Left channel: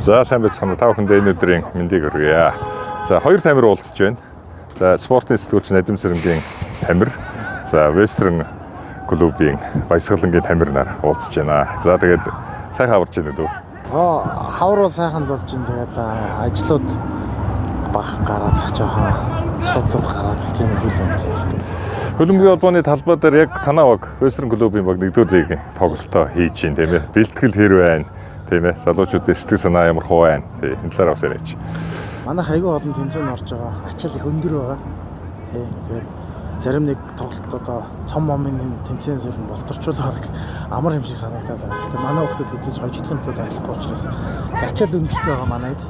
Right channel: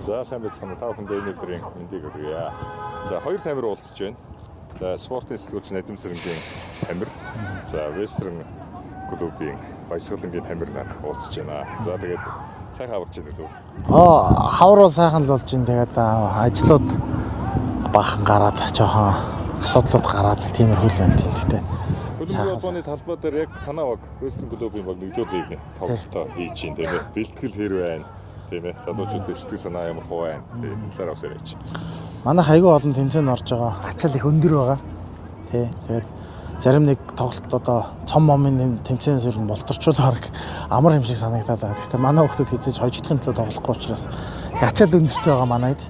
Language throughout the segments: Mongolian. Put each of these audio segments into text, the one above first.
За сайн байцгаана. Та бүхэндээ энэ өдрийн мэндийг хүргье. За хоёр тамир уулзж байна. За спортын сэтгүүлч Надим Сэрэнгийн тамир. За Вестерн клубын баясгалангийн тамир нар уулзж байна. За тэгээд сайхан аварч байна үү? Хавар бол сайхан л болж байна. Тэгээд ажлууд бахан гараад жоохон асуудлууд гараад тийм их л байна тийм. Хөлбөмбөгийн холбооны талбай дээр яг танаа баг Вестерн клубын баг 1-р лигийн тоглолтоо хийж байна тийм ээ. Бэлтгэл хэр байна? Тийм ээ. Залуучуудын сэтгэл санаа ямар хөө байна? Энэ талаар бас яриач. Манайх аягүй олон тэмцээнд орж байгаа. Ачаал их өндөр байгаа. Тий. Тэгээд зарим нэг тоглолт одоо цом момын нэм тэмцээн сүрэн болторчулаар амар юм шиг санагдаад байна. Гэхдээ манай хүмүүс хэзээ хожигдохын төлөө тоглохгүй учраас ачаал өндөртэй байгаа манайд.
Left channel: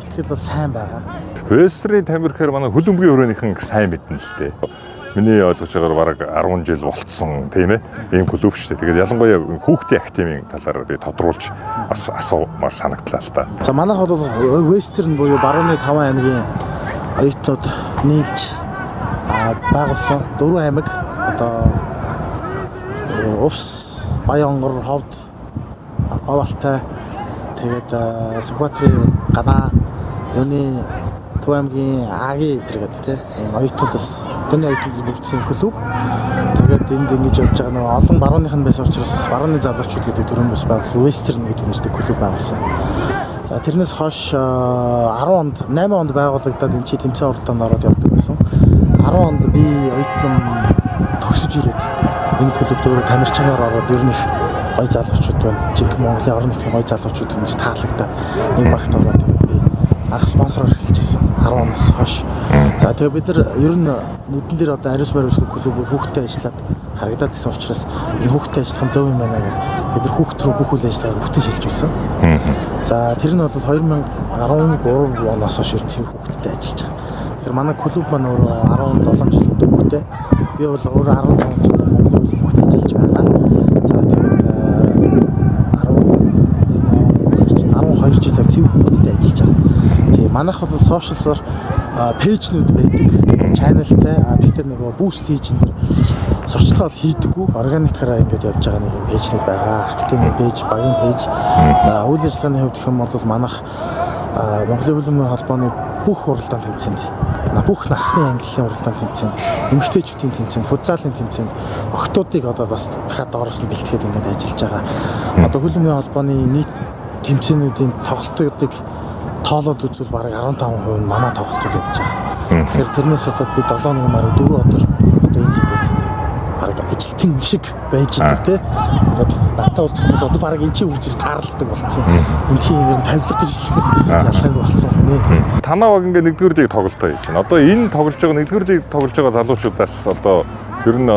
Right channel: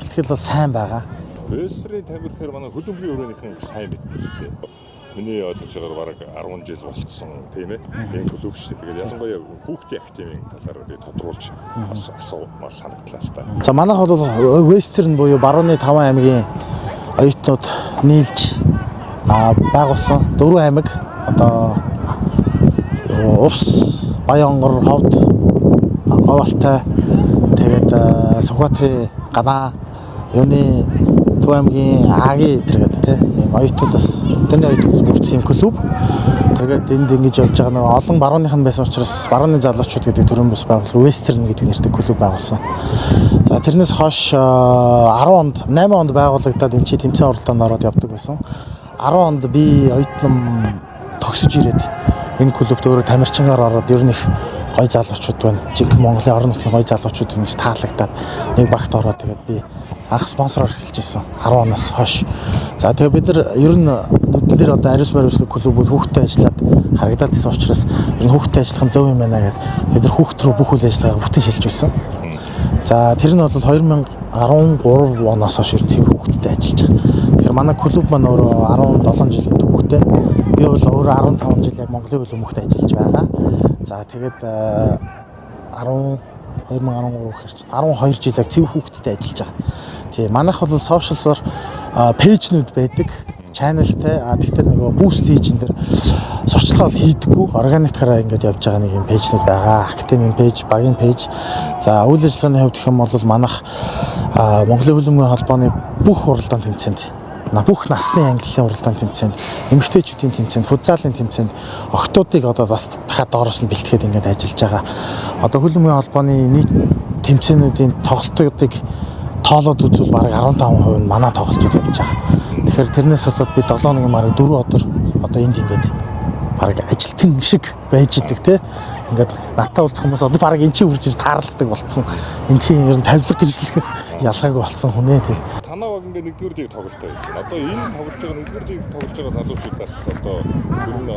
Бэлтгэл бол сайн байгаа. Вестерний тамир гэхээр манай хөлбөмбөгийн өрөөнийхэн сайн мэднэ л дээ. Миний ойлгож байгаагаар бараг 10 жил болцсон тийм ээ. Ийм клуб шүү дээ. Тэгээд ялангуяа хүүхдийн активын талаар би тодруулж бас асуумаар санагдлаа л та. За манайх бол Вестерн буюу барууны 5 аймгийн оюутнууд нийлж байгуулсан 4 аймаг одоо Увс, Баянгор, Ховд, Говьалтай тэгээд Сүхбаатарын Ганаа, юуны Төв аймгийн Агийн гэдэг тийм оюутнуудаас өдөрний оюутнуудаас бүрдсэн клуб. Тэгээд энд ингэж явж байгаа нэг олон барууных нь байсан учраас барууны залуучууд гэдэг төрөн бас байгуулсан Вестерн гэдэг нэртэй клуб байгуулсан. За тэрнээс хойш 8 онд байгуулагдаад энэ чи тэмцээн оролдоонд ороод явдаг байсан. 10 онд би оюутан тогсож ирээд энэ клубт өөрөө тамирчингаар ороод ер нь их гоё залуучууд байна. Жинхэнэ Монголын орон нутгийн гоё залуучууд ингэж таалагдаад нэг багт ороод тэгээд би анх спонсороор эхэлж байсан 10 оноос хойш. За тэгээд бид нар ер нь нүдэн дээр одоо ариус бариусгүй клубүүд хүүхдтэй ажиллаад харагдаад байсан учраас энэ хүүхдтэй ажиллах нь зөв юм байна гэдэг бид нар хүүхд рүү бүх үйл ажиллагааг бүтэн шилжүүлсэн. За тэр нь бол 2013 оноос хойш цэвэр хүүхдтэй ажиллаж байгаа. Тэгэхээр манай клуб маань өөрөө 17 жил хүүхдтэй. Би бол өөрөө 15 жилээр Монголын хөлбөмбөгт ажиллаж байгаа. За тэгээд 12 жилээр цэвэр хүүхдтэй ажиллаж байгаа. Тэгээ манайх бол сошиалсаар пэйжнүүд байдаг, чаналтай. Тэгтээ нөгөө буст хийж энэ сурчлага бол хийдэггүй. Органикаараа ингэж явж байгаа нэг юм пэйжнүүд байгаа. Активын пэйж, багийн пэйж. За үйл ажиллагааны хувьд гэх юм бол манайх Монголын хөлбөмбөгийн холбооны бүх уралдаан тэмцээнд бүх насны ангиллын уралдаан тэмцээнд, эмэгтэйчүүдийн тэмцээнд, футзалын тэмцээнд охтуудыг одоо бас дахиад доороос нь бэлтгээд ингэж ажиллаж байгаа. Одоо хөлбөмбөгийн холбооны нийт тэмцээнүүдийн тоглолтуудыг тоолоод үзвэл бараг 15% нь манай тоглолтууд явж байгаа. Тэгэхээр тэрнээс болоод би 7 өдрийн мараа 4 өдөр одоо энд ингэж бараг ажилтан шиг байж идэг те. Ингээд натаа уулзах хүмүүс одоо бараг энэ чинь үрж тааралдаг болцсон. Эндхийн ер нь тавилга гэж хэлэхээс ялгаагүй болцсон хүнээ те. Танаа баг ингээд 1-р лиг тоглолтоо хийж байна. Одоо энэ тоглож байгаа 1-р лиг тоглож байгаа залуучуудаас одоо ер нь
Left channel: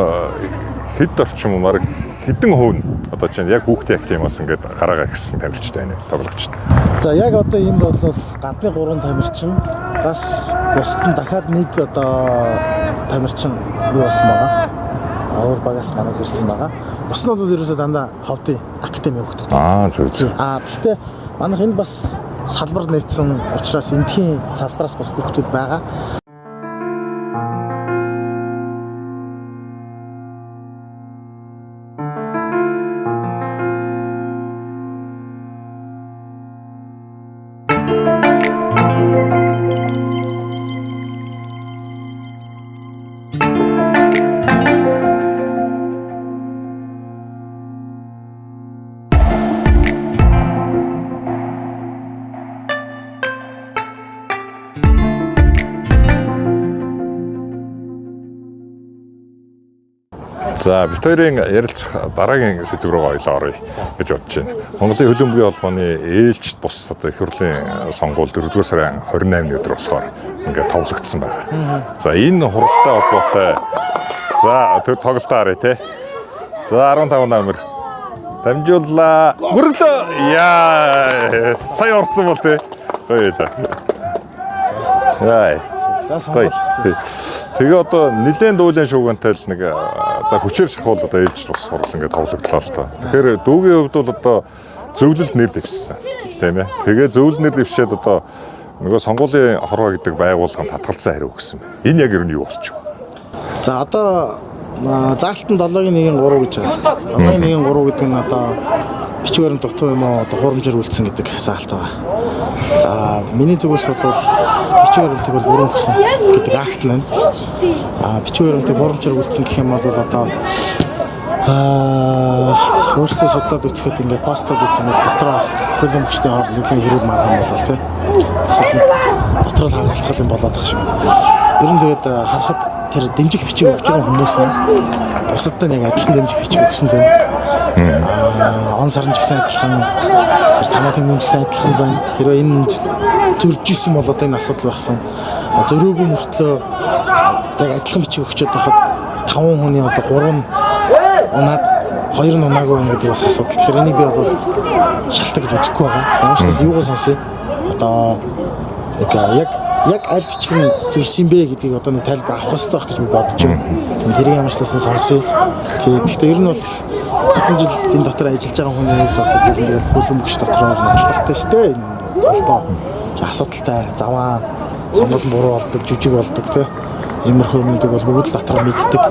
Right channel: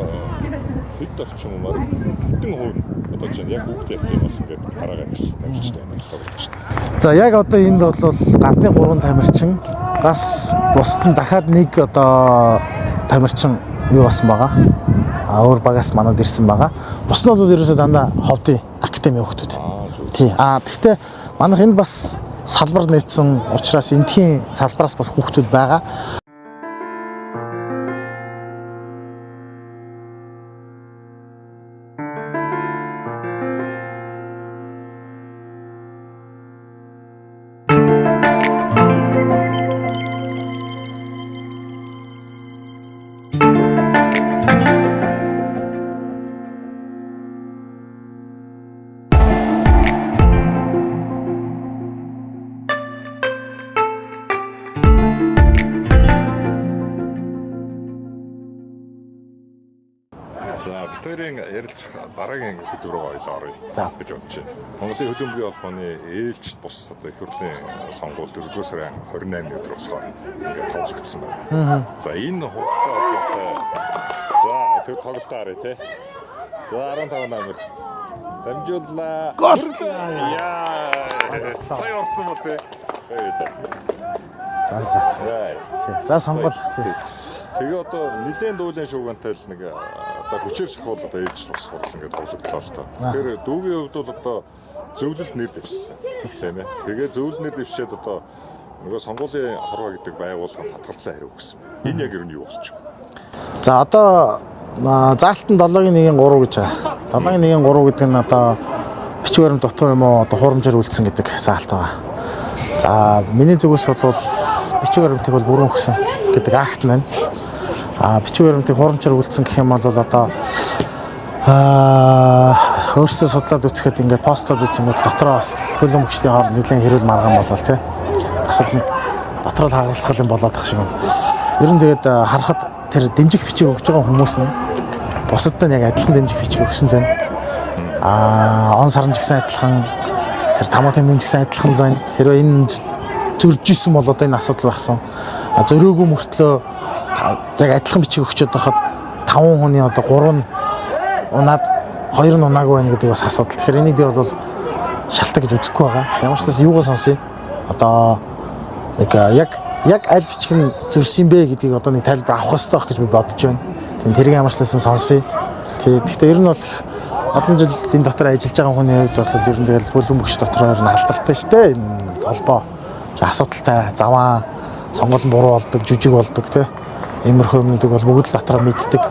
хэд орчим бараг хэдэн хувь нь одоо чинь яг хүүхдийн активаас ингээд гараагаа ихсэн тамирчтай байна тоглогчд. За яг одоо энд бол гадны 3 тамирчин бас бусд нь дахиад нэг одоо тамирчин юу басан байгаа. Өөр багаас манад ирсэн байгаа. Буснууд бол ерөөсөө дандаа Ховдын академи хүүхдүүд. Зөв. Гэхдээ манайх энэ бас салбар нээсэн учраас эндхийн салбараас бас хүүхдүүд байгаа. За бид хоёрын ярилцах дараагийн сэдв рүү оръё гэж бодож байна. Монголын хөлбөмбөгийн холбооны ээлжид бус одоо их хурлын сонгуул 4-р сарын 28-ны өдөр болохоор ингээд товлогдсон байна. За энэ хуралтай холбоотой за тэр тоглолтоо харъя те. За 15 номер дамжууллаа. Мөрөглөө. Яа сая орцсон бол те. Хоёулаа. Яа. За сонгуул. Тэгээ одоо нэлээд дуулын шуугантай л нэг за хүчээр шахуул одоо ээлж бас хурал ингээд товлогдлоо л тоо. Тэгэхээр дүүгийн хувьд бол одоо зөвлөлд нэр дэвшсэн. Тийм ээ. Тэгээ зөвлөлд нэр дэвшээд одоо нөгөө сонгуулийн хорвоо гэдэг байгууллагын татгалзсан хариу өгсөн. Энэ яг ер нь юу болчих вэ? За одоо заалтан 7-1-3 гэж байгаа. 7-1-3 гэдэг нь одоо бичиг баримт дутуу юм уу одоо хурамжаар үлдсэн гэдэг заалт байгаа. За миний зүгээс бол бичиг баримтыг бол бүрэн өгсөн гэдэг акт нь. Бичиг баримтыг хурамжаар үлдсэн гэх юм бол одоо өөрсдөө судлаад үзэхэд ингээд постод үзсэн мэт дотроо бас хөлөн хүчтэй хооронд нэгэн хэрэг маргаан болол тий. Бас л дотроо л хагалдах юм болоод тах шиг. Ер нь тэгээд харахад тэр дэмжих бичиг өгж байгаа хүмүүс нь бусадтай яг адилхан дэмжих бичиг өгсөн л байна. Он сарн ч гэсэн адилхан, тэр тамаатын ч гэсэн адилхан байна. Хэрвээ энэ зөрж исэн бол одоо энэ асуудал багсан. Зөрөөгүй мөртлөө яг адилхан бичиг өгчөөд байхад 5 хүний одоо 3 нь унаад 2 нь унаагүй байна гэдэг бас асуудал. Тэгэхээр энийг би бол шалтгаан гэж үзэхгүй байгаа. Ямар ч tas юугаа сонсъё. Одоо яг аль бичих нь зөрсөн бэ гэдгийг одоо нэг тайлбар авах хэрэгтэй байх гэж би бодож байна. Тэрийг ямар ч tas сонсъё. Гэхдээ ер нь бол олон жил энэ дотор ажиллаж байгаа хүний хувьд бол ер нь тэгэл хөлбөмбөгч дотроо алдартай шүү дээ. Энэ холбоо асуудалтай, заваа, сонголт буруу болдог, жүжиг болдог тий. Иймэрхүү юмнуудыг бол бүгд л дотроо мэддэг.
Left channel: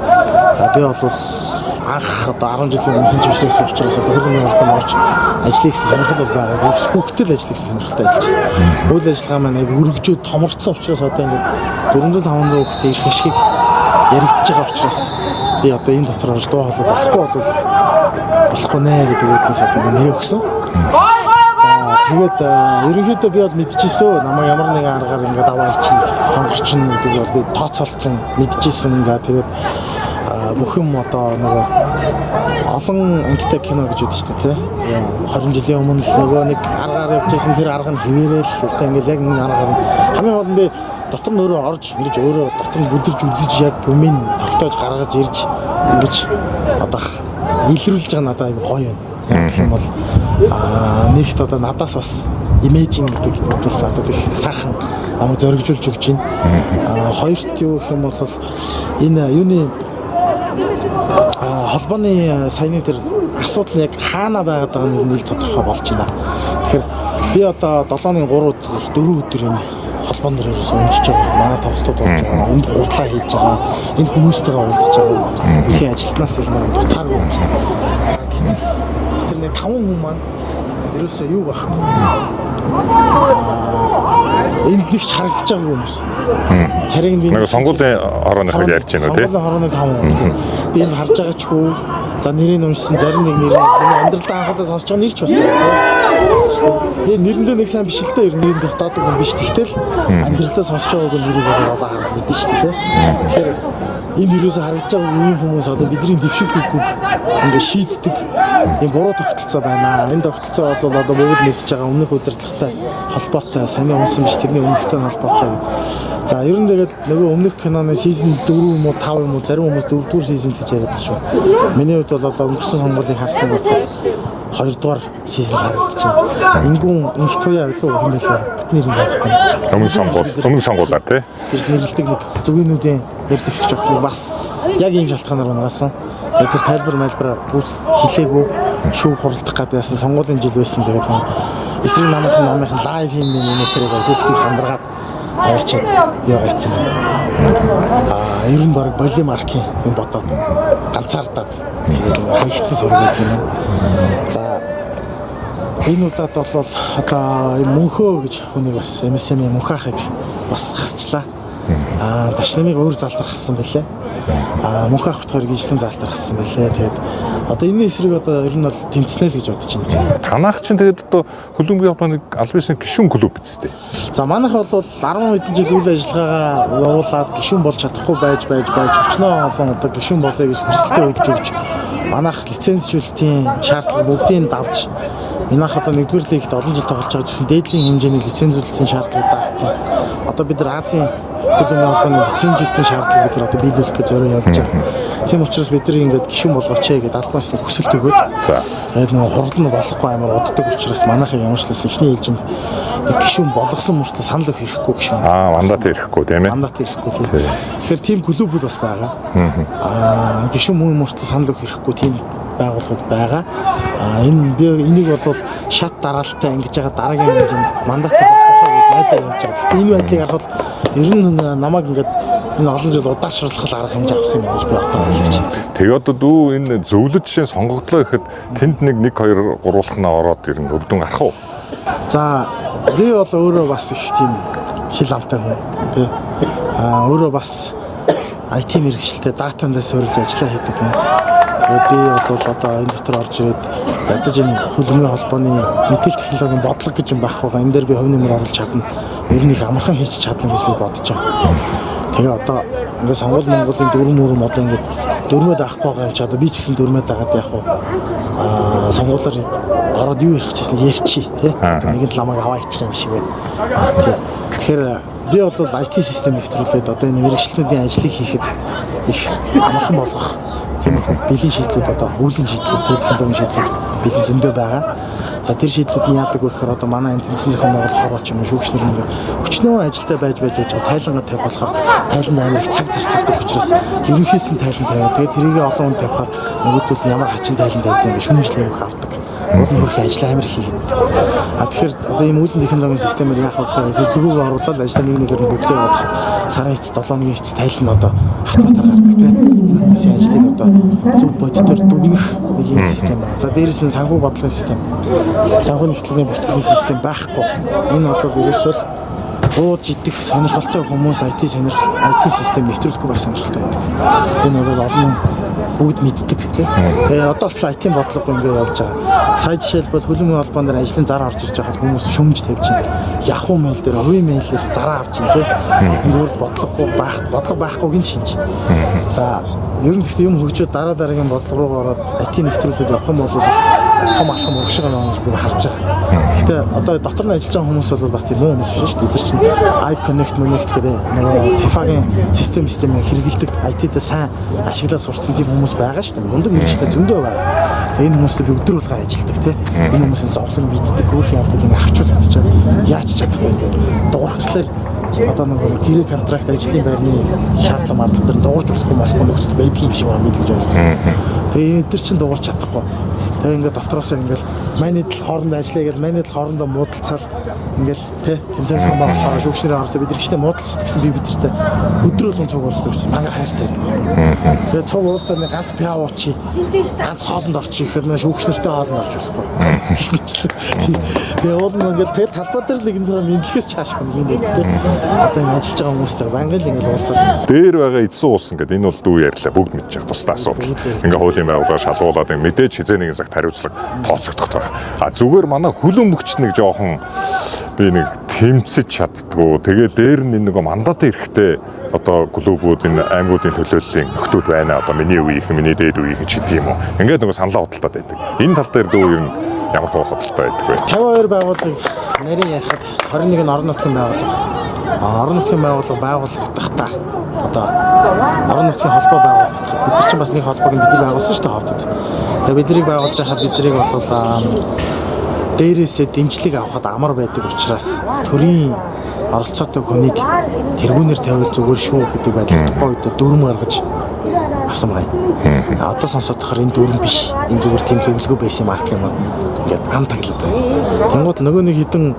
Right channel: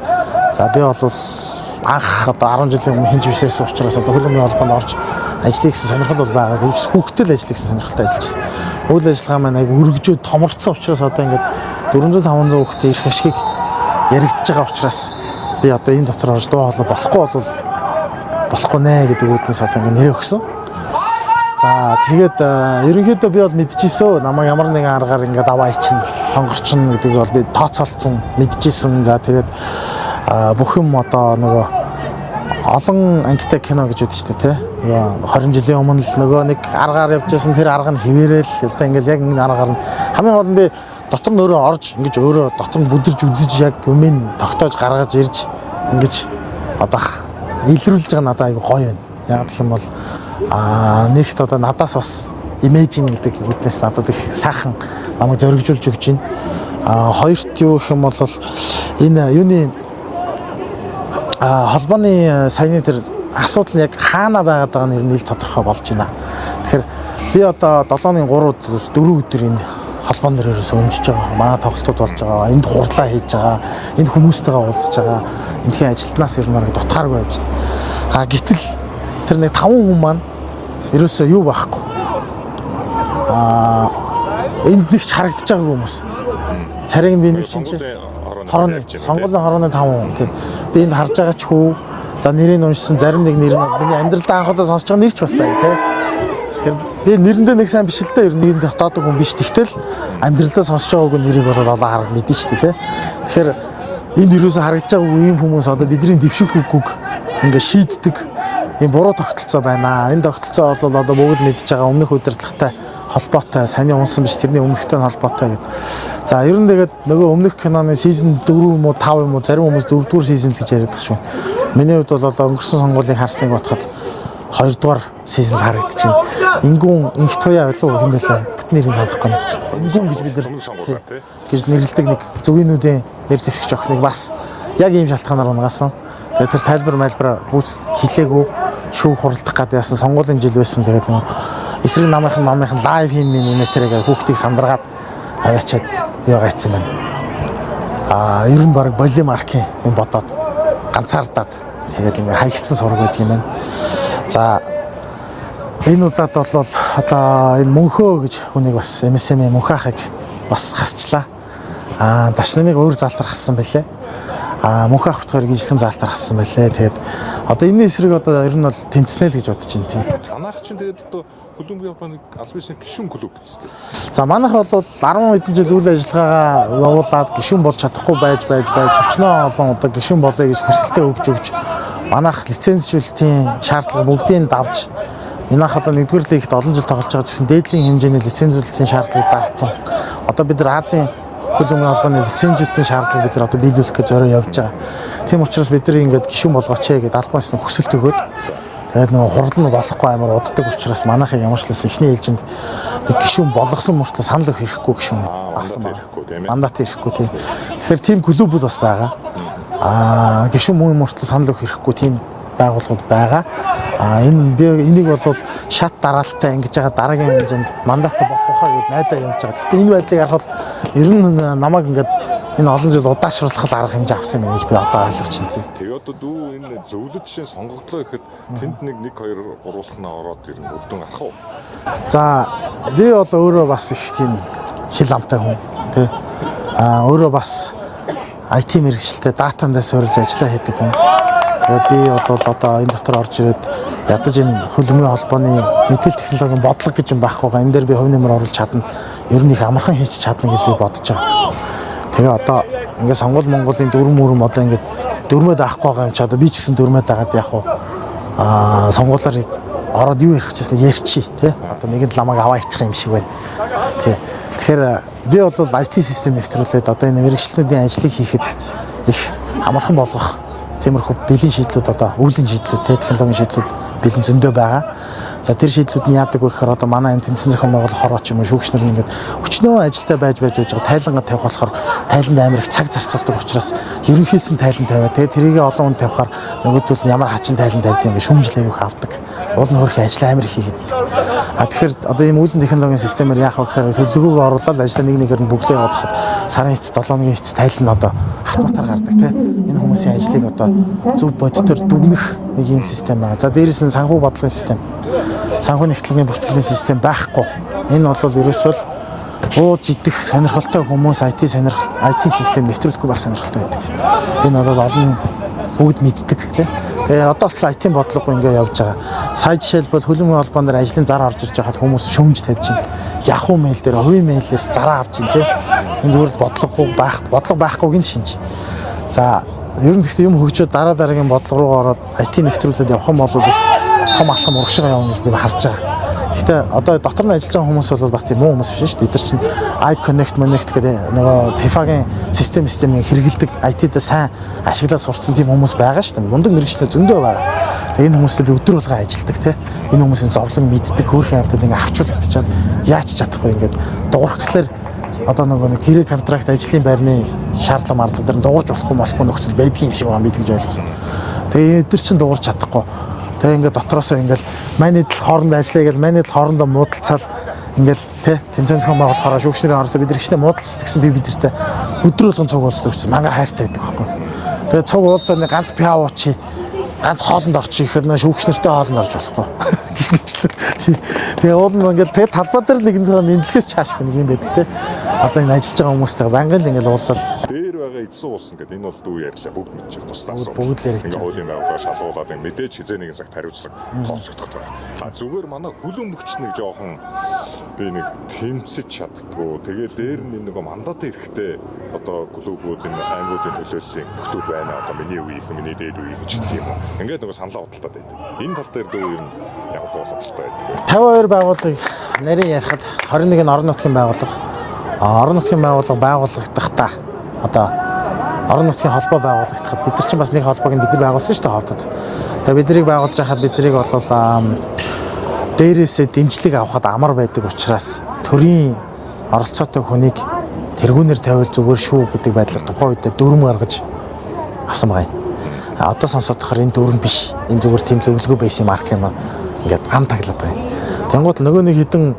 За би бол анх одоо 10 жилийн өмнө хинч бишээс учраас одоо хөлбөмбөгийн холбоонд орж ажлыг хийсэн сонирхол бол байгаа. Гэвч хүүхдэл ажил хийсэн сонирхолтой ажилласан. Үйл ажиллагаа маань аяг өргөжөөд томорцсон учраас одоо ингээд 400-500 хүүхдээ ирэх ашиг яригдж байгаа учраас би одоо энэ дотор орж дуу хоолой болохгүй нэ гэдэг үднээс одоо нэрээ өгсөн. За тэгээд ерөнхийдөө би бол мэдчихсэн. Намайг ямар нэгэн аргаар ингээд аваа ичнэ, хонгорчин гэдэг бол би тооцоолцсон, мэдчихсэн. За тэгээд бүх юм одоо нөгөө олон ангитай кино гэж үүдэж штэ тий. 20 жилийн өмнө л нөгөө нэг аргаар явж байсан тэр арга нь хിവэрэл одоо ингээд яг энэ аргаар нь хамгийн гол нь би дотор нь өөрөө орж ингэж өөрөө дотор нь бүдэрж үзэж яг юмыг тогтоож гаргаж ирж ингэж одоо илрүүлж байгаа надад айгүй гоё байна. Яг гэх юм бол нэгт одоо надаас бас имижин гэдэг юмээс надад их сайхан намайг зоригжуулж өгч байна. Хоёрт юу гэх юм бол энэ юуны холбооны саяны тэр асуудал нь яг хаана байгаад байгаа нь нэг тодорхой болж байна. Тэгэхээр би одоо 7-ны 3 өдөр энэ холбоон дээр ерөөсөө өнжиж байгаа. Манай тоглолтууд болж байгаа. Энд хурдлаа хийж байгаа. Энд хүмүүстэйгээ уулзж байгаа. Энэхийн ажилтнаас ер нь дутгааргүй юм чинь. Гэтэл тэр нэг 5 хүн маань ерөөсөө юу байхгүй. Энд нэгч харагдаж байгаа хүмүүс. Цариг нь нэг сонгуулийн хорооны ярьж байна тий. Сонгуулийн хорооны 5 хүн. Би энд харж байгаа ч хөө. За нэрийг уншсан зарим нэг нэр нь миний амьдралдаа анхудаа сонсож байгаа нэр ч бас байна тий. Би нэрэндээ нэг сайн биш л дээ ер нь энэ дотоод хүн биш. Тэгтэл амьдралдаа сонсож байгаагүй нэрийг бол олоо харах мэдэн шүү дээ тий. Тэгэхээр энэ юусоо харагдаж байгаа ийм хүмүүс одоо бидний дэвших үггүй ингээ шийддэг ийм буруу тогтолцоо байна. Энэ тогтолцоо бол одоо бүгд мэдж байгаа өмнөх удирдлагатай холбоотой, саний унсан биш тэрний өмнөхтэй холбоотой. За ер нь тэгээд нөгөө өмнөх киноны сизон 4 юм уу 5 юм уу зарим хүмүүс 4-р сизон гэж яриад байгаа шүү. Миний хувьд бол одоо өнгөрсөн сонгуулийг харсныг бодоход 2-р сизон харагдчихэв. Ингүүн инх туяа илүү юм байлаа. Бүт нэрийг санахгүй. Өмнөх сонгуулаар тий. Тэр нэрлдэг нэг зөвгөнүүдийн нэр дэвшигч охиныг бас яг ийм шалтгаанаар унгасан. Тэгээд тэр тайлбар хэлээгүй шүүх хуралдах гэдэг яасан сонгуулийн жил байсан. Тэгээд нэг эсрэг намынхан лайв хийн нэмэтэрэг хүүхдийг сандаргаад аваачаад юу гайцсан байна. Ер нь баг болимаркийн юм бодоод ганцаардаад тэгээд ингээ хаягдсан сураг гэдэг юм. За энэ удаад бол одоо энэ мөнхөө гэж хүнийг бас MSM мөнхахыг бас хасчлаа. Дашнамыг өөр залдархсан байлээ. Мөнхах утгаар гинжлэн залдархсан байлээ. Тэгээд одоо энэ эсрэг одоо ер нь бол тэмцэнэ л гэж бодож байна тийм. Танах чинь тэгээд одоо хөлбөмбөгийн холбооны аль бишний гишүүн клуб биз дээ. За манайх бол 10 хэдэн жил үйл ажиллагаагаа явуулаад гишүүн болж чадахгүй байж өчнөө олон одоо гишүүн болъё гэж хүсэлтээ өгж манайх лицензжүүлэлтийн шаардлага бүгдийг давж манайх одоо 1-р лигт олон жил тоглож байгаа гэсэн дээдлийн хэмжээний лицензжүүлэлтийн шаардлагыг даацсан. Одоо бид нар Азийн хөлбөмбөгийн холбооны лицензжүүлэлтийн шаардлагыг бид нар одоо биелүүлэх гэж зорио явж байгаа. Тийм учраас бид нар ингээд гишүүн болгооч гэдэг албаас нь хүсэлт өгөөд. За. Тэгээд нэг хурлал нь болохгүй амар уддаг учраас манайхын ямар ч л ихний ээлжинд нэг гишүүн болгосон мөртлөө санал өгөх хэрэггүй гишүүн. Мандат ирэхгүй тийм ээ. Мандат ирэхгүй тийм. Тэгэхээр тийм клуб бас байгаа. Гишүүн мөн мөртлөө санал өгөх хэрэггүй тийм байгууллагууд байгаа. Энэ би энийг бол шат дараалттай ингэж байгаа дараагийн хэмжээнд мандат болох хаа гэж найдаа явж байгаа. Гэхдээ энэ байдлыг харахад ер нь намайг ингээд энэ олон жил удаашруулах арга хэмжээ авсан юм гэж би одоо ойлгож байна. Тэгээ одоо дүү энэ зөвлөж жишээ сонгогдлоо гэхэд тэнд нэг 2 3 ороод ирнэ өвдөн гарах уу? За би бол өөрөө бас их тийм хил амтай хүн тий. Өөрөө бас IT мэргэжилтэд датандаа суурилж ажиллаа хийдэг хүн. Би бол одоо энэ дотор орж ирээд ядаж энэ хөлбөмбөгийн холбооны мэдээлэл технологийн бодлого гэж юм байхгүй байгаа. Энэ дээр би хувь нэмэр оруулж чадна. Ер нь их амархан хийчих чадна гэж би бодож байгаа. Тэгээ одоо ингээд сонгол Монголын дүрм одоо ингээд дөрмөд авахгүй байгаа юм чи одоо би ч гэсэн дөрмөд агаад яах вэ? Сонгуулаар ороод юу ярих гэжсэн ярьчи тий. Нэгэн ламаг аваа ичих юм шиг байна. Тий. Тэгэхээр би бол IT систем нэвтрүүлээд одоо энэ мэргэжлийн ажлыг хийхэд их амархан болгох тиймэрхүү бэлэн шийдлүүд одоо өвлийн шийдлүүд технологийн шийдлүүд бэлэн зөндөө байгаа. За тэр шийдлүүд нь яадаг вэ гэхээр одоо манай энэ тэмцээн зохион байгуулах ч юм уу шүүгчнэр ингээд өчнөө ажилдаа байж байгаа тайлангаа тавих болохоор тайланд амар их цаг зарцуулдаг учраас ерөнхийдсөн тайлан тавиад тэгээд тэрийгээ олон хүн тавихаар нөгөөдөл нь ямар хачин тайлан тавьдаг ингээд шүүмжлэх авах авдаг. Уул нь хөрх ажил амар их хийгээд. Тэгэхээр одоо энэ үүлэн технологийн системээр яах вэ гэхээр төлөвлөгөөг оруулаад ажлаа нэгээр нь бүглээ явуулахад сарын эцэст 7-ны эцэст тайлан одоо автоматар гардаг тийм. Энэ хүмүүсийн ажлыг одоо зөв бодитоор дүгнэх ийм систем байна. За дээрээс нь санхүү бодлогын систем. Санхүү нэгтгэлийн бүртгэлийн систем байхгүй. Энэ бол ерөөсөө ууж идэх сонирхолтой хүмүүс IT систем нэвтрүүлэхгүй байх сонирхолтой байдаг. Энэ бол олон бүгд мэддэг тийм. Тэгээ одоо л IT бодлого ингээд явж байгаа. Сая жишээлбэл хөлбөмбөгийн холбооноор ажлын зар орж ирж байхад хүмүүс шүмж тавьж байна. Yahoo mail дээр, хувийн мэйлээр зараа авч байна тийм. Энэ зүгээр л бодлого байхгүйг нь шинж. За ер нь гэхдээ юм хөгжөөд дараагийн бодлого руу ороод IT нэвтрүүлээд явах юм бол том алхам урагшаа явна гэж би харж байгаа. Гэхдээ одоо дотор нь ажиллаж байгаа хүмүүс бол бас тийм муу хүмүүс биш шүү дээ. Эдгээр чинь iConnect гэдэг нөгөө FIFA-гийн системийг хэрэгэлдэг IT-д сайн ашиглаад сурцсан тийм хүмүүс байгаа шүү дээ. Мундаг мэргэжлээ зөндөө байгаа. Тэгээ энэ хүмүүстэй би өдөр болгон ажилладаг тийм. Энэ хүмүүсийн зовлон мэддэг хөөрхөн амтад ингээ авчуулаад чад яаж чадахгүй ингээ дуурхлаар одоо нэг гэрээ контракт ажлын байрны шаардлага марлагдаар дуурж болохгүй нөхцөл байдгийн юм шиг байна гэж ойлгосон. Тэгээ эдгээр чинь дуурж чадахгүй. Тэгээ ингээд дотроосоо ингээд менежер хоорондоо ажиллая гэж менежер хоорондоо муудалцал ингээд тэмцээн зохион байгуулахаараа шүүгчнэрийн оролцоо бид нар ихтэй муудалцдаг гэсэн би бидэртээ өдөр болгон цуг уулздаг учраас мангар хайртай байдаг байхгүй. Тэгээ цуг уулзаад нэг ганц пиа уучи ганц хоолнд орчих ихээр нэ шүүгчнэртэй хоолнд орж болохгүй. Тэгээ уул нь ингээд тэгэл талбай дээр нэг нэмлэхээс чааш нэг юм байдаг те. Одоо энэ ажиллаж байгаа хүмүүстэй бангаал ингээд уулзал. Дээр байгаа эзэн уус ингээд энэ бол дүү ярьлаа бүгд мэдж байгаа тусдаа асуудал. Ингээ хуулийн байгууллага шалгуулад мэдээж хизээ нэгэн цагт хариуцлага тооцогдох байх. Зүгээр манай хөлбөмбөгч нэг жоохон би нэг тэмцэж чаддгүй. Тэгээ дээр нь нэг мандат эрэхтэй одоо клубүүд энэ аймагуудын төлөөллийн нөхдүүд байна. Одоо миний үеийнхэн, миний дээд үеийнхэн ч гэдэг юм уу. Ингээд нэг саналаа худалдаад байдаг. Энэ тал дээр дүү ер нь ямар худалдаа байдаг вэ? 52 байгууллага нарийн ярихад 21 нь орон нутгийн байгууллага. Орон нутгийн байгууллага байгуулагдахтаа одоо орон нутгийн холбоо байгуулагдахад бид нар чинь бас нэг холбоог нь бидний байгуулсан шүү дээ хотод. Тэгээ биднийг байгуулж байхад биднийг бол дээрээсээ дэмжлэг авахд амар байдаг учраас төрийн оролцоотой хүнийг тэргүүнээр тавил зүгээр шүү гэдэг байдлаар тухайн үед дүрм гаргаж авсан байна. Одоо сонсоод тахаар энэ дүрм биш. Энэ зүгээр тэм зөвлөгөө байсан марк юм. Ингээд ам таглаад байна. Тэнгууд нөгөө нэг хідэн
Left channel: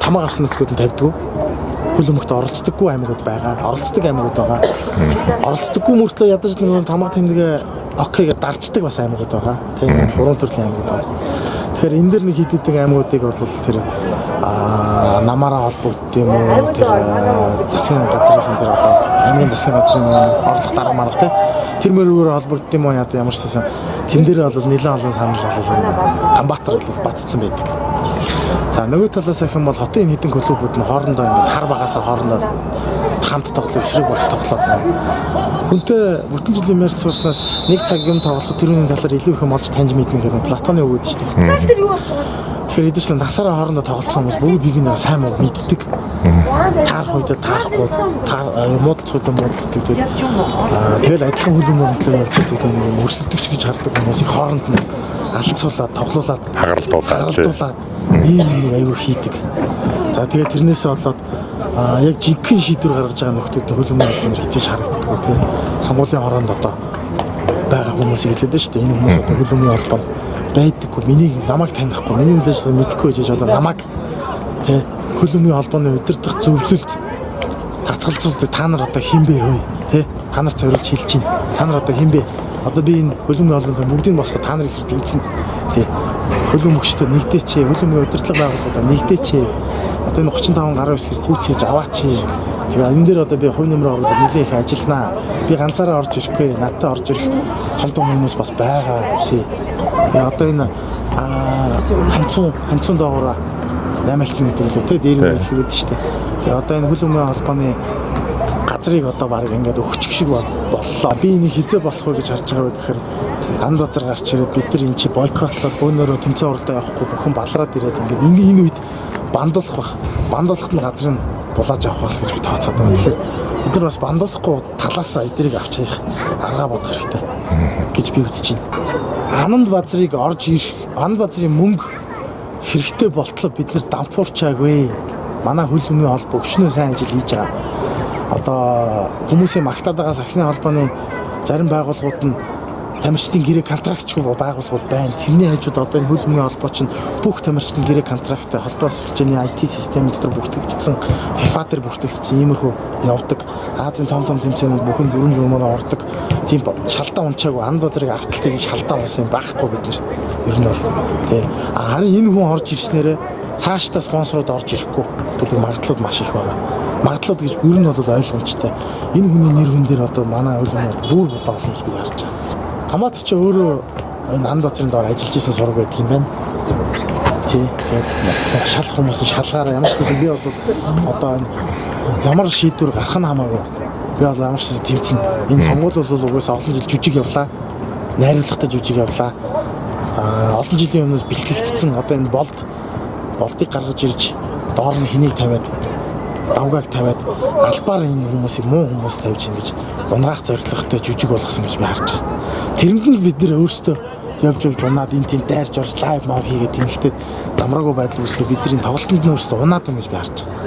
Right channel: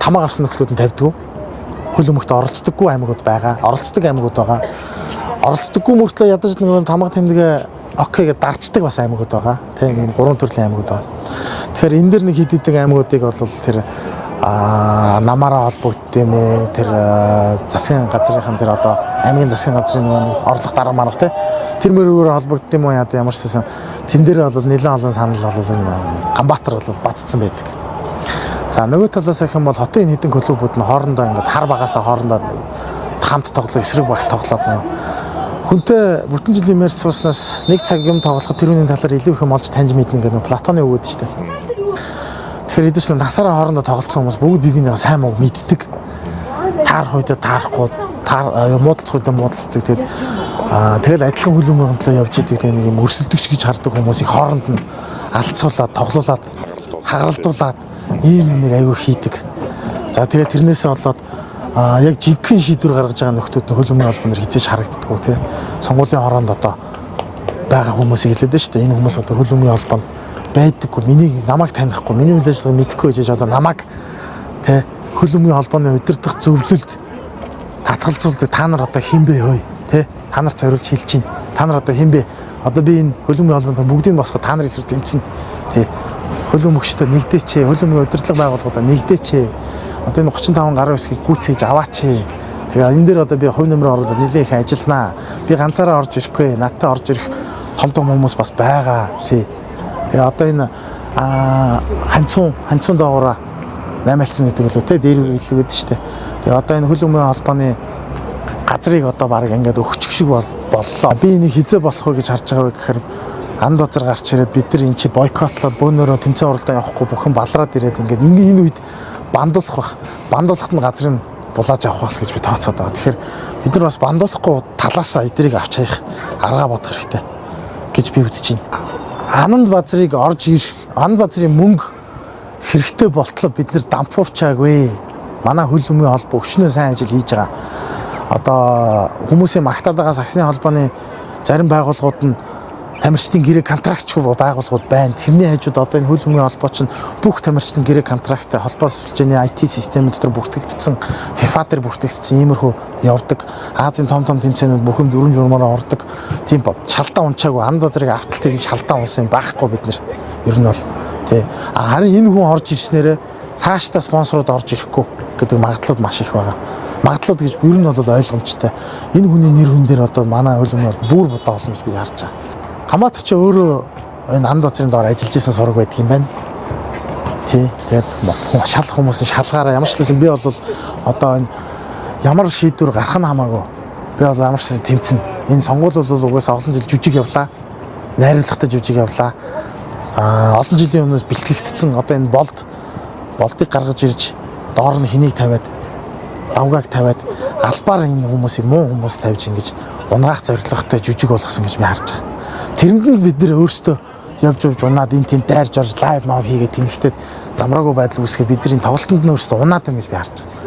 тамаа гарсан нөхлүүд нь тавьдгүй. Хөлбөмбөгт оролцдоггүй аймагуд байгаа. Оролцдог аймагуд байгаа. Оролцдоггүй мөртлөө ядаж нөгөө тамаа тэмдэгэ окей гэж дарчдаг бас аймагуд байгаа. Тийм гурван төрлийн аймагуд байгаа. Тэгэхээр энэ дэр нэг хэд хэдэг аймагуудыг бол тэр намаараа холбогдсон юм уу? Тэр засгийн газрын дээр одоо аймгийн засгийн газрын орлого дарга марга тий. Тэр мөрөөр холбогдсон юм уу? Ямар ч байсан тэн дээр бол нэлээд олон санал бол энэ Ганбаатар бол бацсан байдаг. За нөгөө талаас их юм бол хотын хэдэн клубүүд нь хоорондоо ингээд хар багасаа хоорондоо хамт тоглох, эсрэг багт тоглоод хүнтэй бүтэн жилийн мэрц сууснаас нэг цаг юм тоглох тэрүүний талаар илүү их юм олж таньж мэднэ гэдэг Платоны өгөөд шүү дээ. Тэгэхээр эдгээр чинь насаараа хоорондоо тоглолцсон хүмүүс бүгд бивнээ сайн муу мэддэг. Таарах үедээ таарахгүй, муудалцах үедээ муудалцдаг. Тэгэл адилхан хөлбөмбөглөө явж идэг нэг юм өрсөлдөгч гэж хардаг хүмүүсийн хооронд нь алцуулаад, тоглуулад, хагаралтуулаад ийм аягүй хийдэг. За тэгээ тэрнээсээ болоод яг жинхэнэ шийдвэр гаргаж байгаа нөхдүүд нь хөлбөмбөгийн албанаар хизээж харагддаг тийм сонгуулийн хороонд одоо байгаа хүмүүс хэлээд шүү дээ. Энэ хүмүүс одоо хөлбөмбөгийн албанд байдаггүй, намайг танихгүй, миний үйл ажиллагааг мэдэхгүй гэж одоо намайг тийм хөлбөмбөгийн албаны удирдах зөвлөлд татгалзуулдаг та нар одоо хэн бэ хөөе тий та нарт зориулж хэлж чинь та нар одоо хэн бэ одоо би энэ хөлбөмбөгийн холбоонд бүгдийг босгох та нарын эсрэг тэмцэнэ тий хөлбөмбөгчтэй нэгдээч хөлбөмбөгийн удирдлага байгууллагуудаа нэгдээч одоо энэ 35 гаруй хэсгийг гүйцээж аваач тэгээ энэ дээр одоо би хувь нэмрээ оруулаад нэлээд их ажилланаа би ганцаараа орж ирэхгүй надтай орж ирэх том хүмүүс бас байгаа тий тэгээ одоо энэ ханцун доогоороо наймаалцсан гэдэг үлээ тий дээр нь хэлгээд штэ тэгээ одоо энэ хөлбөмбөгийн холбооны газрыг одоо баг ингээд өгчих шиг боллоо би энийг хизээ болох вэ гэж харж байгаа вэ гэхээр ганд базар гарч ирээд бид нар эн чи бойкотлоод бөөнөрөө тэмцээн оролдоо явахгүй бүхэн балраад ирээд ингээд энэ үед бандуулах бах бандуулахт нь газрыг булааж авах бол гэж би тооцоод байгаа. Тэгэхээр бид нар бас бандуулахгүй талаасаа эдрийг авч хаях арга бодох хэрэгтэй гэж би үзэж байна. Ананд базрыг орж ирэх ананд базрын мөнгө хэрэгтэй болтлоо бид нар дампуурчаагүй. Манай хөлбөмбөгийн холбоо өчнөө сайн ажил хийж байгаа. Одоо хүмүүсийн магтаад байгаа саксны холбооны зарим байгууллагууд нь тамирчдын гэрээ контрактчгүй байгууллагууд байна. Тэрний хажууд одоо энэ хөлбөмбөгийн холбоо чинь бүх тамирчдын гэрээ контракттай холбоо сүлжээний IT систем дотор бүртгэгдсэн, FIFA дээр бүртгэгдсэн иймэрхүү явдаг. Азийн том тэмцээнүүд бүхэн дөрвөн журмаараа ордог. Тийм шалтгаан унчаагүй анд базрыг авталтай гэж шалтгаан унсан байхгүй бид нар. Ер нь бол тий. Харин энэ хүн орж ирснээрээ цаашдаа спонсорууд орж ирэхгүй гэдэг магадлал маш их байгаа. Магадлал гэж ер нь бол ойлгомжтой. Энэ хүний нэр хүн дээр одоо манай хөлбөмбөг бүр бодоо олно гэж би харж байгаа. Хамаач ч өөрөө энэ анд базрын доор ажиллаж исэн сураг байдаг юм байна. Тий. Тэгээд шалах хүмүүс нь шалгаараа ямар ч гэсэн би бол одоо энэ ямар шийдвэр гарах нь хамаагүй. Би бол ямар ч гэсэн тэмцэнэ. Энэ сонгуул бол угаасаа олон жил жүжиг явлаа. Найруулгатай жүжиг явлаа. Олон жилийн өмнөөс бэлтгэгдсэн одоо энэ болдыг гаргаж ирж доор нь хэнийг тавиад давгааг тавиад албаар энэ хүмүүсийг муу хүмүүс тавьж ингэж унгаах зорилготой жүжиг болгосон гэж би харж байгаа. Тэрэнд нь бид нэр өөрсдөө явж унаад энэ тэнд дайрж орж лайв мав хийгээд тэмхтэй замраагүй байдал үүсгээ бидний тоглолтод нь өөрсдөө унаад юм гэж би харж байгаа.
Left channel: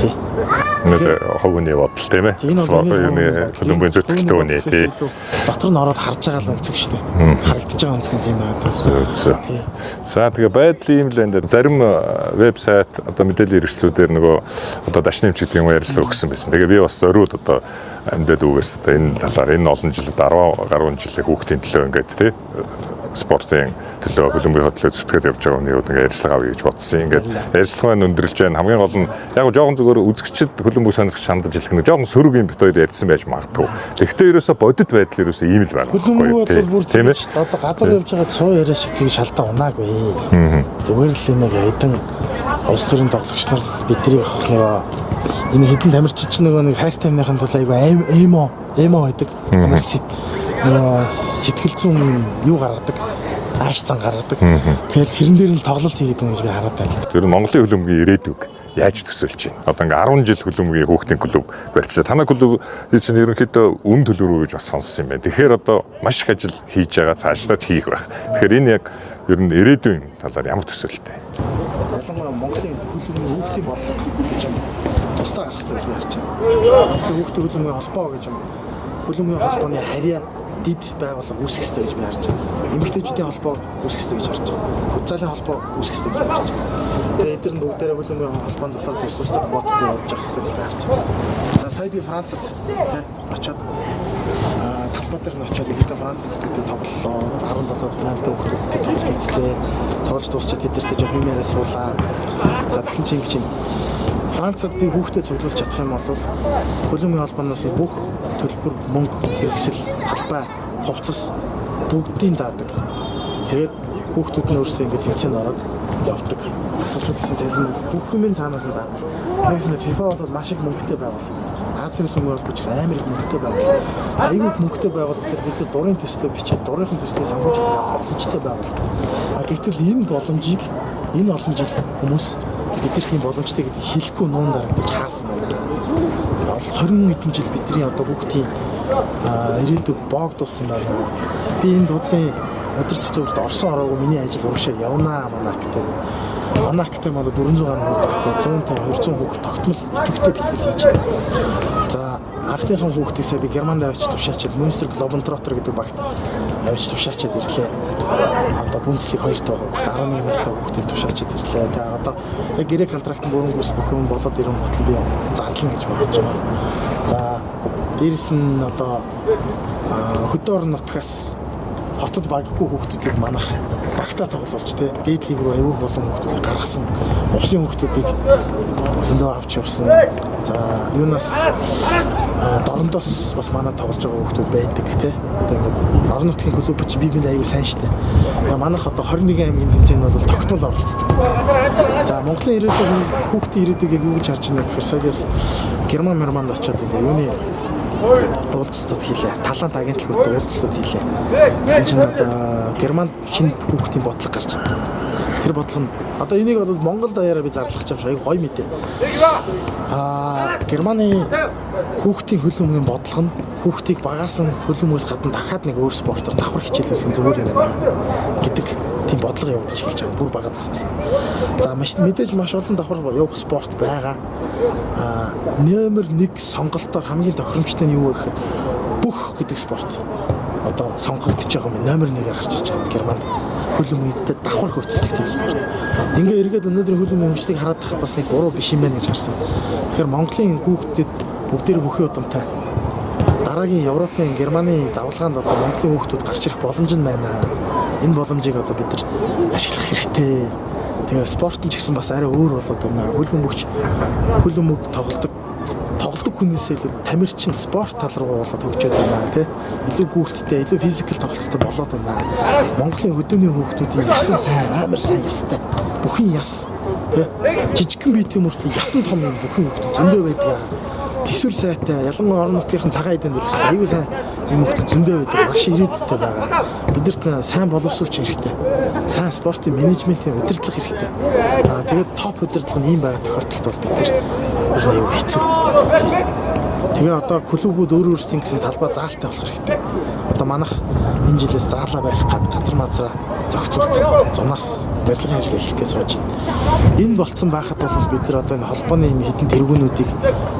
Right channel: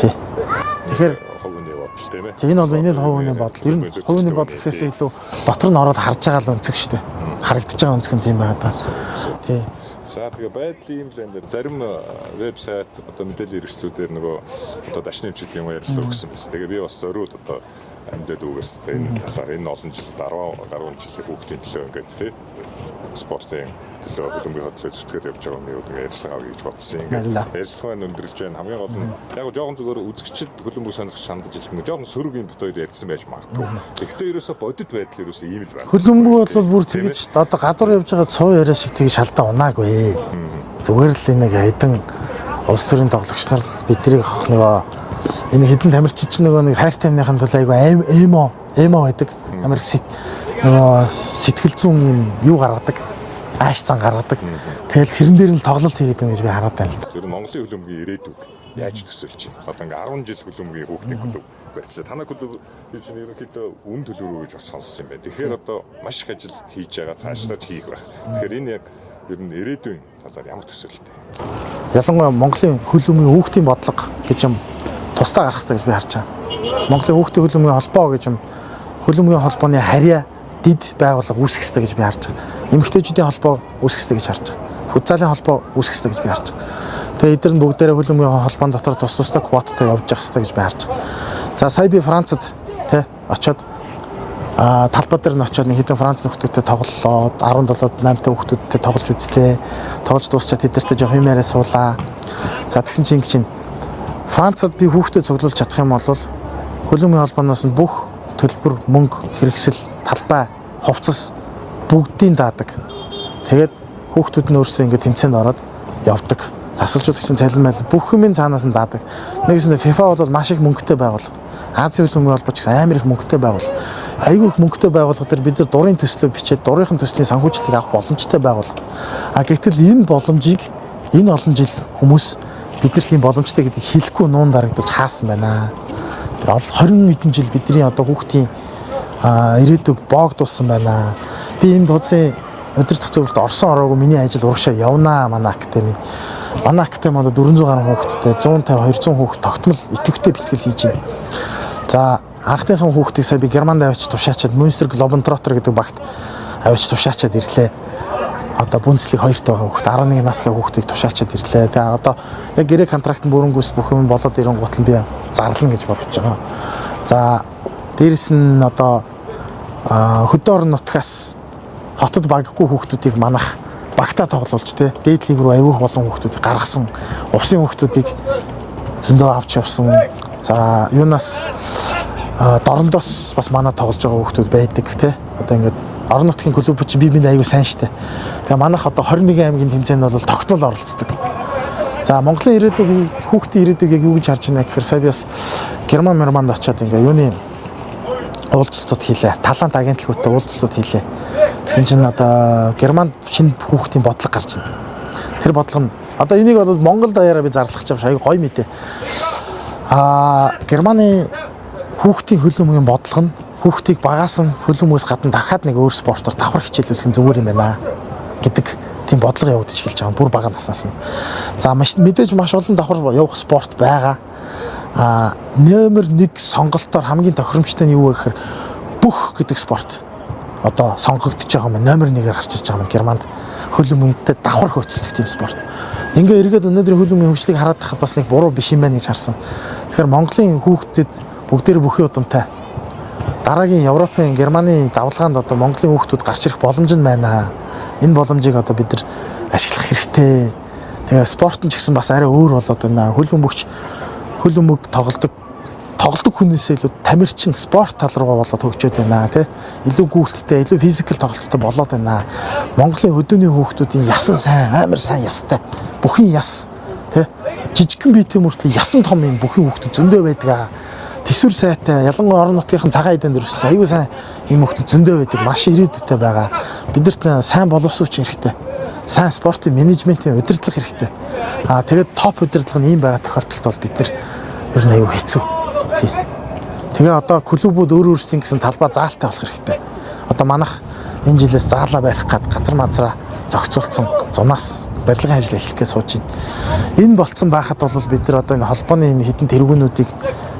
Тий. Нэг ховны бодол тийм ээ. Хөлбөмбөгийн зүтгэлтэй үний тий. Батар нь ороод харж байгаа л өнцөг штэ. Харагдаж байгаа өнцөг нь тийм байгаа. Тий. За тэгээ байдлын юм л энэ зарим вебсайт одоо мэдээллийн хэрэгслүүдээр нөгөө одоо дашны эмч гэдэг юм ярьсан өгсөн байсан. Тэгээ би бас зориуд одоо амьдад үгээс одоо энэ талаар энэ олон жилд 10 гаруй жилийн хүүхдийн төлөө ингээд тий спортын төлөө хөлбөмбөгийн хөтлөө зүтгээд явж байгаа хүний ингээд ажиллагаа авъя гэж бодсон. Ингээд ажиллагаа нь өндөрлж байна. Хамгийн гол нь яг жоохон зүгээр үзэгчд хөлбөмбөг сонирхч шандаж хэлэх нэг жоохон сөрөг юм бит хоёр ярьсан байж магадгүй. Тэгэхдээ ерөөсө бодит байдал ерөөсө ийм л байна. Хөлбөмбөг бол бүр тийм ээ. Одоо гадуур явж байгаа цоо яриа шиг тийг шалтаа унаагүй. Зүгээр л нэг хайдан улс төрийн тоглогч нар бидний нөгөө энэ хэдэн тамирчид ч нэг хайртай амныхын тул айгүй эмо байдаг. Амар сэтгэл зүйн юу гаргадаг. Ааш цан гаргадаг. Тэгэл тэрэн дээр нь тоглолт хийгээд байгаа гэж би хараад байна. Тэр нь Монголын хөлбөмбөгийн ирээдүг яаж төсөөлж байна? Одоо ингээ 10 жил хөлбөмбөгийн хүүхдийн клуб барьчихсан. Танай клуб чинь ерөнхийдөө үн төлбөр гэж бас сонссон юм байна. Тэгэхээр одоо маш их ажил хийж байгаа, цаашдаа ч хийх байх. Тэгэхээр энэ яг ер нь ирээдүйн талаар ямар төсөөлттэй? Ялангуяа Монголын хөлбөмбөгийн хүүхдийн бодлого гэж юм тусдаа гарах хэрэгтэй гэж би харж байгаа. Монголын хүүхдийн хөлбөмбөгийн холбоо гэж юм хөлбөмбөгийн холбооны харьяа дид байгууллага үүсгэх хэрэгтэй гэж би харж байгаа. Эмэгтэйчүүдийн холбоо үүсгэх хэрэгтэй гэж харж байгаа. Футзалын холбоо үүсгэх хэрэгтэй гэж би харж байгаа. Тэгээ эдгээр нь бүгдээрээ хөлбөмбөгийн холбоон дотор тус тустай квоттой явж явах хэрэгтэй гэж би харж байгаа. За сая би Францад тий очоод талбай дээр нь очоод нэг хэдэн Франц нөхдүүдтэй тоглолоо. 17-8 та нөхдүүдтэй тоглож үзлээ. Тоглож дуусчаад тэдэртэй жоох юм яриа суулаа. За тэгсэн чинь ингэж Францад би хүүхдэд цуглуулж чадах юм бол хөлбөмбөгийн холбооноос нь бүх төлбөр, мөнгө, хэрэгсэл, талбай, хувцас бүгдийг даадаг. Тэгээд хүүхдүүд нь өөрсдөө ингэ тэмцээнд ороод явдаг. Тасалжуулагчийн цалин бүх юмын цаанаас нь даадаг. Нэгсэндээ FIFA бол маш их мөнгөтэй байгууллага. Азийн хөлбөмбөгийн холбоо ч гэсэн амар их мөнгөтэй байгууллага. Айгүй их мөнгөтэй байгууллага дээр бид нар дурын төслөө бичээд дурынхын төслийн санхүүжилтийг авах боломжтой байгууллага. Гэтэл энэ боломжийг энэ олон жил хүмүүс бид нар тийм боломжтой гэдгийг хэлэхгүй нуун дарагдуулж хаасан байна. 20 хэдэн жил бидний одоо хүүхдийн ирээдүг боогдуулсан байна. Би энэ тузын өдөртөх зөвлөлд орсон ороогүй миний ажил урагшаа явнаа манай академи. Манай академи одоо 400 гаруй хүүхэдтэй 150 200 хүүхэд тогтмол идэвхтэй бэлтгэл хийж байна. За анхныхан хүүхдийг сая би Германд авчиж тушаачаад Münster Globetrotter гэдэг багт авчиж тушаачаад ирлээ. одоо Бундслиг 2-т байгаа хүүхэд 11 настай хүүхдийг тушаачаад ирлээ. Тэгээ одоо яг гэрээ контрактын бүрэнгүйс бүх юм болоод ирэн гутал би зарлана гэж бодож байгаа. За дээрэс нь одоо хөдөө орон нутгаас хотод баггүй хүүхдүүдийг манах багтаа тоглуулж те дээд лиг рүү аягүй болон хүүхдүүдийг гаргасан увсын хүүхдүүдийг зөндөө авч явсан. За юунаас дорндоос бас манай тоглож байгаа хүүхдүүд байдаг те. Одоо ингээд орон нутгийн клуб чи би аягүй сайн штэ. Тэгээ манайх одоо 21 аймгийн тэмцээнд бол тогтмол оролцдог. За Монголын ирээдүйг хүүхдийн ирээдүйг юу гэж харж байна гэхээр саяас Германд очиод ингээ юуны уулзалтууд хийлээ. Талант агентлагуудтай уулзалтууд хийлээ. Тэгсэн чинь одоо Германд шинэ хүүхдийн бодлого гарч байна. Тэр бодлого нь одоо энийг бол Монгол даяараа би зарлах гэж аягүй гоё мэдээ. Германы хүүхдийн хөлбөмбөгийн бодлого нь хүүхдийг багаас нь хөлбөмбөгөөс гадна дахиад нэг өөр спортоор давхар хичээлүүлэх нь зүгээр юм байна гэдэг тийм бодлого явагдаж эхэлж байгаа. Бүр бага наснаас нь. За мэдээж маш олон давхар явах спорт байгаа. Номер 1 сонголтоор хамгийн тохиромжтой нь юу вэ гэхээр бүх гэдэг спорт одоо сонгогдож байгаа юм. Номер 1-ээр гарч ирж байгаа юм. Германд хөлбөмбөгтэй давхар хөөцөлдөх тийм спорт. Ингээ эргээд өнөөдөр хөлбөмбөгийн хөгжлийг хараад тахад бас нэг буруу биш юм байна гэж харсан. Тэгэхээр Монголын хүүхдэд бүгдээр бүхий удамтай дараагийн Европын Германы давлгаанд одоо Монголын хүүхдүүд гарч ирэх боломж нь байна. Энэ боломжийг одоо бид нар ашиглах хэрэгтэй. Тэгээ спорт нь ч гэсэн бас арай өөр болоод байна. Хөлбөмбөг тоглодог хүнээсээ илүү тамирчин спорт тал руугаа болоод хөгжөөд байна тий. Илүү гүйлттэй, илүү физикал тоглолттой болоод байна. Монголын хөдөөний хүүхдүүдийн ясан сайн, амар сайн ястай. Бүхий яс тий. Жижигхэн биетэй мөртлөө ясан том юм бүхий хүүхдүүд зөндөө байдаг. Тэсвэр сайтай, ялангуяа орон нутгийнхын цагаан эдэнд өрссөн аюу сайн юм хүүхдүүд зөндөө байдаг. Маш ирээдүйтэй байгаа. Бидэрт сайн боловсруулах хэрэгтэй. Сайн спортын менежментийн удирдлага хэрэгтэй. Тэгээд топ удирдлага нь ийм байгаа тохиолдолд бол бид нар ер нь аюу хэцүү. Тэгээ одоо клубүүд өөр өөрсдийн гэсэн талбай заалтай болох хэрэгтэй. Одоо манайх энэ жилээс заалаа барих гад газар мазраа зохицуулсан зунаас барилгын ажил эхлэхээ сууж байна. Энэ болцсон байхад бол бид нар одоо энэ холбооны хэдэн тэргүүнүүдийг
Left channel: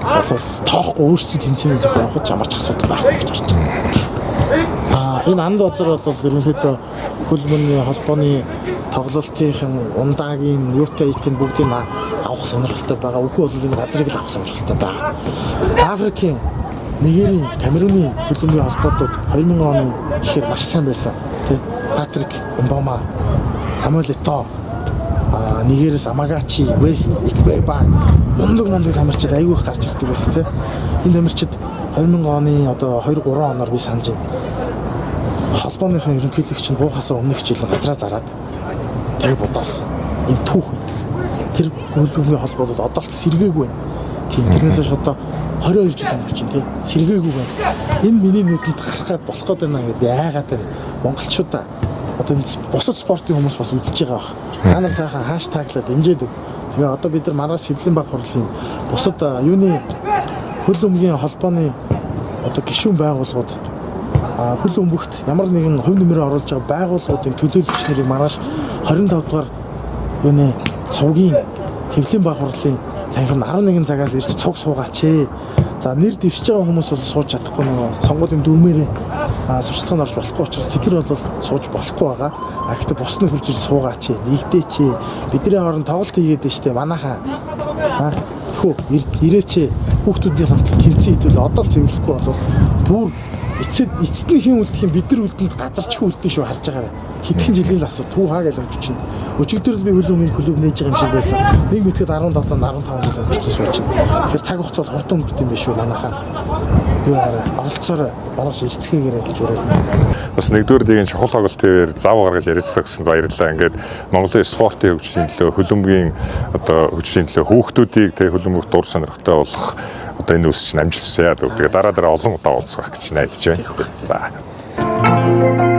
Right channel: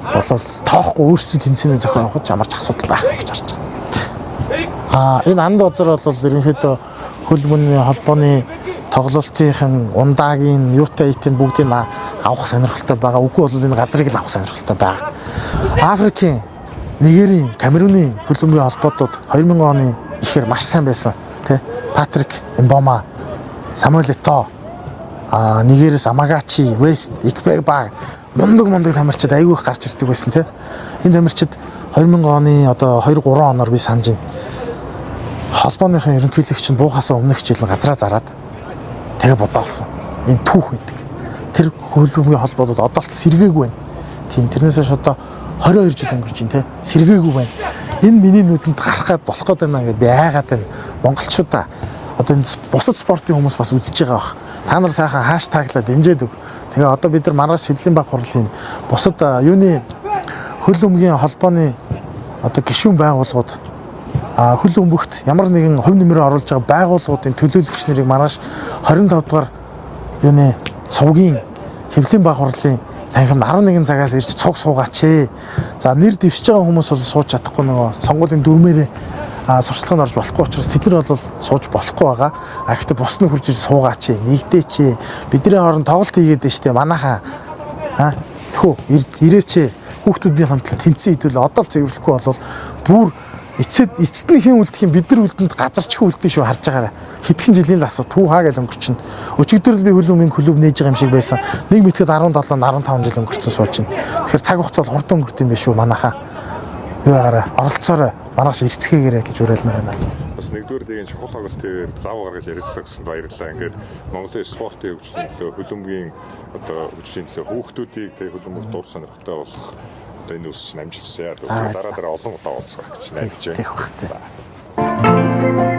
болов тоохгүй өөрсдийн тэмцээний зохион явуулж ямарч асуудал байхгүй гэж харж байна. Энэ анд базар бол ерөнхийдөө хөлбөмбөгийн холбооны тоглолтын ундаагийн юутай итэн бүгдийг авах сонирхолтой байгаа. Үгүй бол энэ газрыг л авах сонирхолтой байгаа. Африкийн Нигерийн, Камеруны хөлбөмбөгийн холбоотууд 2000 оны ихээр маш сайн байсан. Тэ Патрик Мбома, Самуэль Ето, Нигерээс Амагачи, Вест, Икберба мундаг тамирчид аягүй их гарч ирдэг байсан тэ. Энэ тамирчид 2000 оны одоо 2-3 оноор би санаж байна. Холбооныхон ерөнхийлөгч нь буухаас өмнөх жил газраа зараад тэгээ бодоолсон. Ийм түүх байдаг. Тэр хөлбөмбөгийн холбоодод одоо л сэргээгүй байна. Тийм тэрнээс одоо 22 жил өнгөрч байна те. Сэргээгүй байна. Энэ миний нүдэнд гарах гад болох гээд байна гэдэг яагаад байна. Монголчуудаа одоо энэ бусад спортын хүмүүс бас үзэж байгаа бах. Та нар сайхан хаштаглаад дэмжээд өг. Тэгээ одоо бид нар маргааш Сэвлэн баг хурлын бусад юуны хөлбөмбөгийн холбооны одоо гишүүн байгууллагууд хөлбөмбөгт ямар нэгэн хувь нэмрээ оруулж байгаа байгууллагуудын төлөөлөгч нарыг маргааш 25 дугаар юуны цугийн Хэвлэлийн баг хурлын танхим 11 цагаас ирж цуг суугаач ээ. За нэр дэвшиж байгаа хүмүүс бол сууж чадахгүй нөгөө сонгуулийн дүрмээрээ сурчлаганд орж болохгүй учраас тэд нар бол сууж болохгүй байгаа. Гэхдээ бус нь хурж ирж суугаач ээ. Нэгдээч ээ. Бидний хооронд тоглолт хийгээд байна штэ манайхаа. Тэхүү ирээч ээ. Хүүхдүүдийн хамтлал тэнцэн хитвэл одоо л цэвэрлэхгүй бол бүр эцэст нь хэн үлдэх юм бид нар үлдэнд газарч үлдэх шүү харж байгаарай. Хэдхэн жилийн л асуу түү хаа гэж өнгөрчин. Өчигдөр л би хөлбөмбөгийн клуб нээж байгаа юм шиг байсан. Нэг мэтгэд 17 15 жил өнгөрсөн сууч. Тэгэхээр цаг хугацаа бол хурдан өнгөрт юм биш үү манайхаа. Юугаараа оролцоорой маргааш ирцгээгээрэй гэж уриална. Бас нэгдүгээр лигийн чухал тоглолтын зав гаргаж ярилцсан гэсэн баярлалаа. Ингээд Монголын спортын хөгжлийн төлөө хөлбөмбөгийн одоо хөгжлийн төлөө хүүхдүүдийг тэг хөлбөмбөгт дур сонирхтой болох одоо энэ үсч амжилт хүсье. Тэгээ дараа олон удаа уулзах гэж найдаж байна. За.